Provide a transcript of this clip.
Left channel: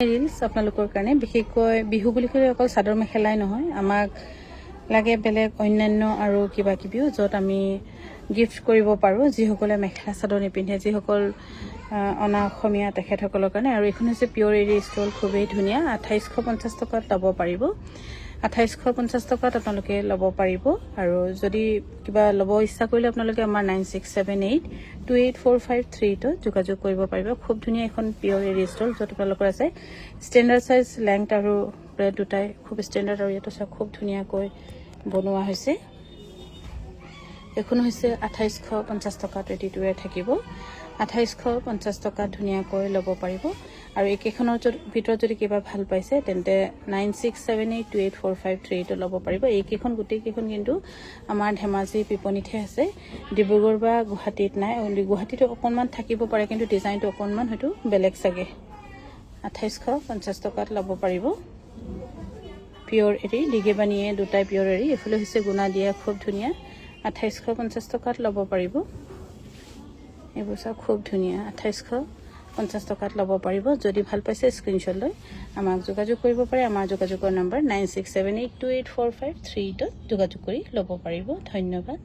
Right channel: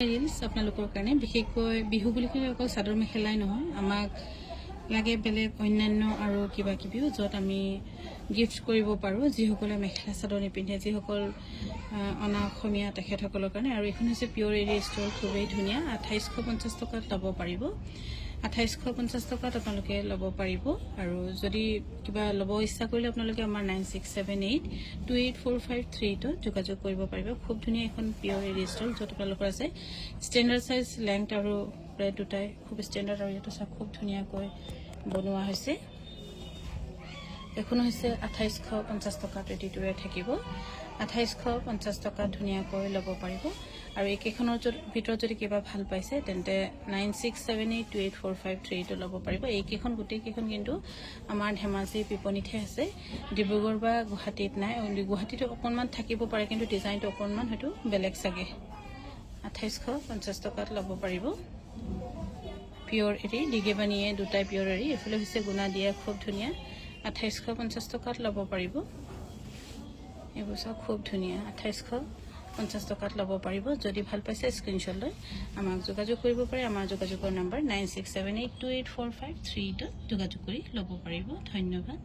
Reels আপোনালোকৰ কাৰণে বিশেষকৈ বিহু বুলি ক'লে অকল চাদৰ মেখেলাই নহয়, আমাক লাগে বেলেগ অন্যান্য আৰু কিবা কিবিও য'ত আমি গিফ্ট কৰিব পাৰোঁ যিসকলে মেখেলা চাদৰ নিপিন্ধে, যিসকল অনা অসমীয়া তেখেতসকলৰ কাৰণে। আৰু এইখন হৈছে পিয়ৰ এৰি ষ্টল, খুবেই ধুনীয়া। 2850 টকাত ল'ব পাৰিব। 2850 টকাত আপোনালোকে ল'ব পাৰিব। আৰু যদি কিবা ল'ব ইচ্ছা কৰিলে আপোনালোকে আমাৰ 9678284532 যোগাযোগ কৰিব পাৰিব। খুব ধুনীয়া এখন পিয়ৰ এৰি ষ্টল য'ত আপোনালোকৰ আছে ষ্টেণ্ডাৰ্ড চাইজ লেংথ আৰু ব্ৰেড দুটাই খুব ষ্টেণ্ডাৰ্ড, আৰু ইয়াত আছে খুব ধুনীয়াকৈ বনোৱা হৈছে। এখন হৈছে 2850 টকাত ৰেডি টু ৱেৰ থাকিব। 2850 টকাত ধুনীয়াকৈ ল'ব পাৰিব। আৰু এইকেইখনৰ ভিতৰত যদি কিবা ভাল পাইছে তেন্তে 9678284532 ল'ব পাৰিব। এইকেইখন গোটেইকেইখন কিন্তু আমাৰ ধেমাজি বিপণীতহে আছে, ডিব্ৰুগড় বা গুৱাহাটীত নাই। গুৱাহাটীতো অকণমান থাকিব পাৰে, কিন্তু ডিজাইনটো অকণমান হয়তো বেলেগ চাগে। 2850 টকাত ল'ব পাৰিব। পিয়ৰ এৰি দিগিবানীয়ে দুটাই পিয়ৰ এৰি, এইফালে হৈছে গুণা দিয়া, খুব ধুনীয়া। 2850 টকাত ল'ব পাৰিব। এইবোৰ চাওক খুব ধুনীয়া, 2850 টকাত ল'ব পাৰিব। যদি ভাল পাইছে স্ক্ৰীনশ্বট লৈ আমাক যোগাযোগ কৰিব পাৰে। আমাৰ যোগাযোগৰ নম্বৰ 9678284532 যোগাযোগ কৰি ল'ব পাৰিব। ধন্যবাদ।